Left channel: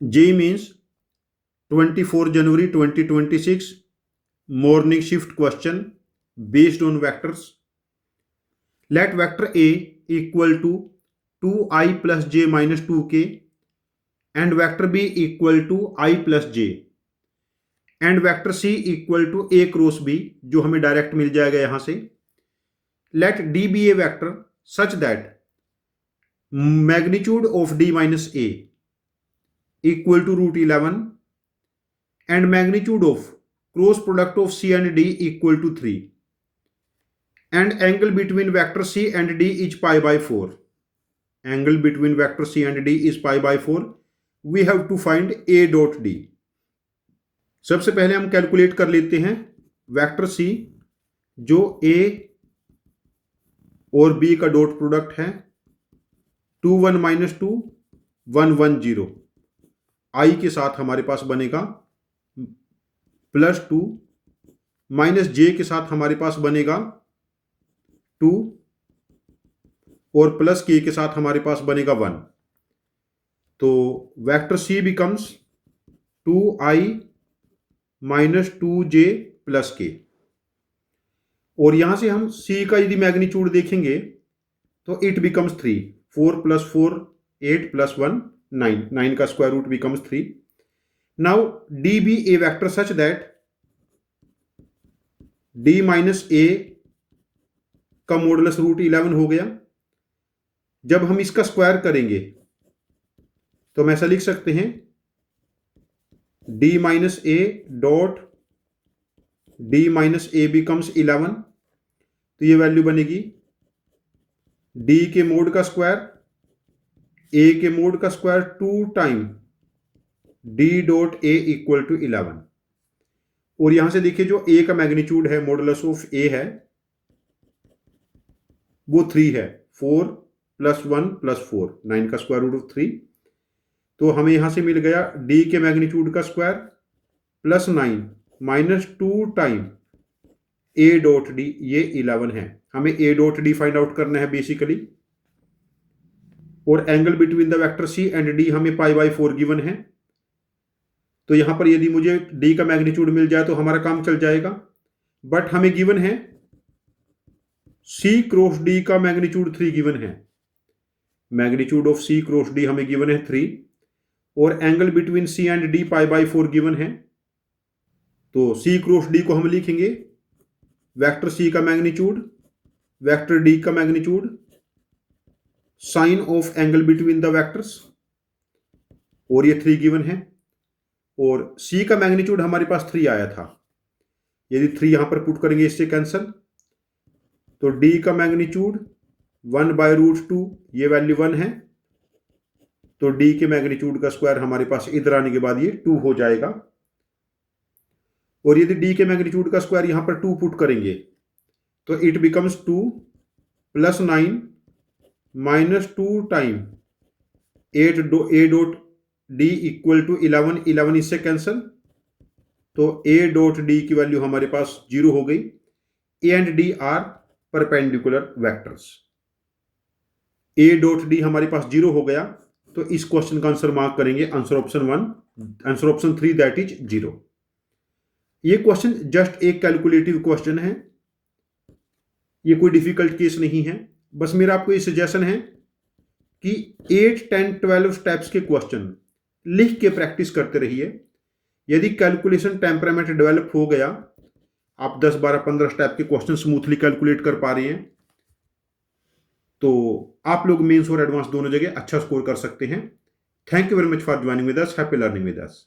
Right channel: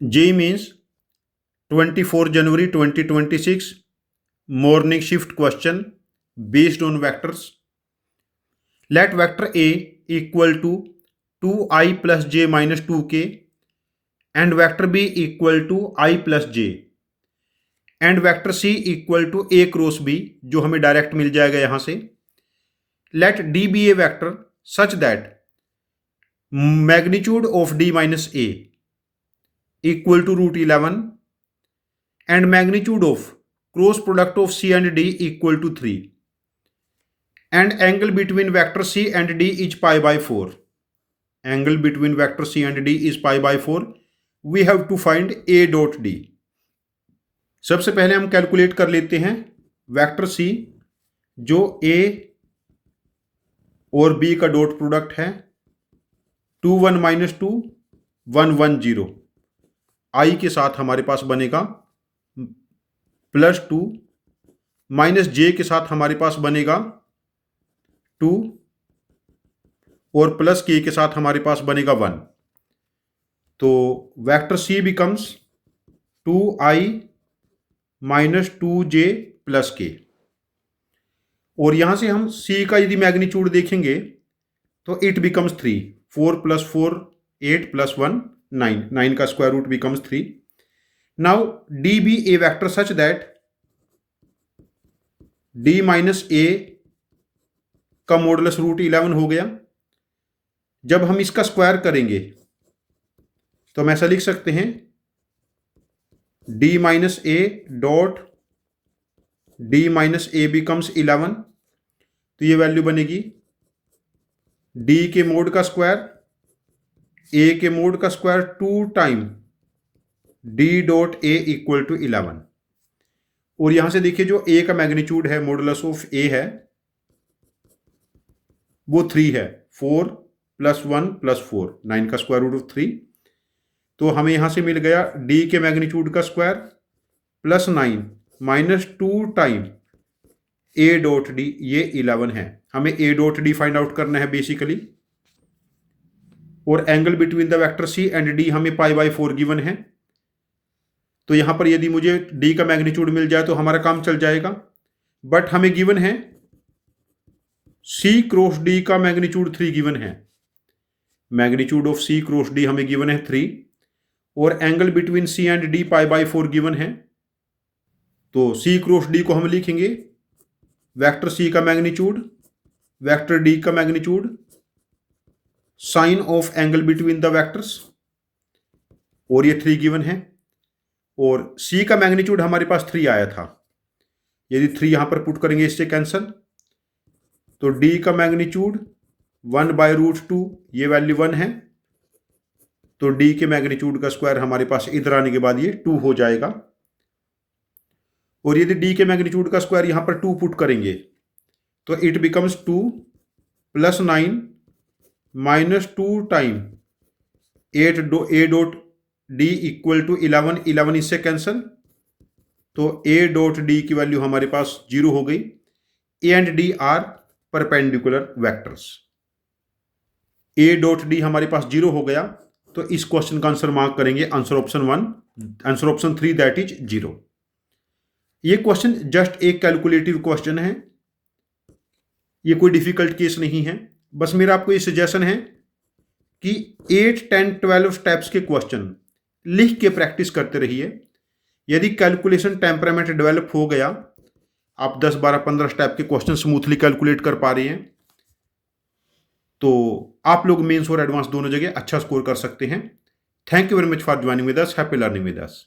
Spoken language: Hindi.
JEE Mains 24 January 2026 morning shift question based on vectors. Let vector A equal to 2i plus j minus 2k and vector B equal to I plus j and vector C equal to A cross B, जो हमें डायरेक्ट मिल जाएगा यहां से. Let D be a vector such that magnitude of D minus A equal to root 11 and magnitude of cross product of C and D equal to 3 and angle between vector C and D is pi by 4. Angle between vector C and D is pi by 4. We have to find A dot D. सबसे पहले हम कैलकुलेट कर लेते हैं वेक्टर C जो A और B का डॉट प्रोडक्ट है. 2 1 माइनस 2 1 1 0. I के साथ हमारे पास बनेगा +2 माइनस J के साथ हमारे पास बनेगा 2 और प्लस K के साथ हमारे पास बनेगा 1. तो vector C becomes 2i minus 2j plus K. और यहां से हम C का यदि मैग्नीट्यूड देखेंगे तो इट बिकम्स 3. 4 + 4 8 + 1 9. 9 का square root becomes 3. Now D be a vector such that D minus A का मॉडुलस रूट 11 हो गया. जब हम इसका स्क्वायर करेंगे तो हम ऐसा लिख सकते हैं D minus A dot D minus A becomes 11. तो ये वैल्यू बनेगी D के मोड का स्क्वायर A के मोड का square 2 time D dot A equal to 11. और यहां से देखिए जो A का मैग्नीट्यूड है, मॉडुलस ऑफ A है, वो 3 है. 4 + 1 + 4 9 का स्क्वायर रूट ऑफ 3. तो हमें यहां से मिल गया D के मैग्नीट्यूड का square plus 9 minus 2 time A dot D, ये 11 है. हमें A dot D find out करना है बेसिकली. और angle between the vector C and D हमें पाई बाई 4 गिवन है. तो यहां पर यदि मुझे D का मैग्नीट्यूड मिल जाए तो हमारा काम चल जाएगा. बट हमें गिवन है C क्रॉस D का मैग्नीट्यूड 3 गिवन है. Magnitude of C cross D हमें गिवन है 3 और angle between C and D pi by 4 given है. तो C क्रॉस D को हम लिखेंगे वेक्टर C का मैग्नीट्यूड, वेक्टर D का magnitude, sine of angle between the vectors, और ये 3 गिवन है. और C का मैग्नीट्यूड हमारे पास 3 आया था. यदि 3 यहां पर पुट करेंगे इससे कैंसल, तो D का मैग्नीट्यूड 1/√2, ये वैल्यू 1 है. तो D के मैग्नीट्यूड का स्क्वायर हमारे पास इधर आने के बाद ये 2 हो जाएगा. और यदि D के मैग्नीट्यूड का स्क्वायर यहां पर 2 पुट करेंगे तो it becomes 2 + 9 minus 2 time A dot D equal to 11. 11 इससे कैंसल, तो A डॉट D की वैल्यू हमारे पास 0 हो गई. A and D are perpendicular vectors. A dot D हमारे पास 0 हो गया. तो इस क्वेश्चन का आंसर मार्क करेंगे answer option 1, answer option 3 that is 0. ये क्वेश्चन जस्ट एक कैलकुलेटिव क्वेश्चन है, ये कोई डिफिकल्ट केस नहीं है. बस मेरा आपको ये सजेशन है कि 8 10 12 स्टेप्स के क्वेश्चन लिख के प्रैक्टिस करते रहिए. यदि कैलकुलेशन टेम्परामेंट डेवलप हो गया, आप 10 12 15 स्टेप के क्वेश्चन स्मूथली कैलकुलेट कर पा रहे हैं, तो आप लोग मेंस और एडवांस दोनों जगह अच्छा स्कोर कर सकते हैं. Thank you very much for joining with us. Happy learning with us.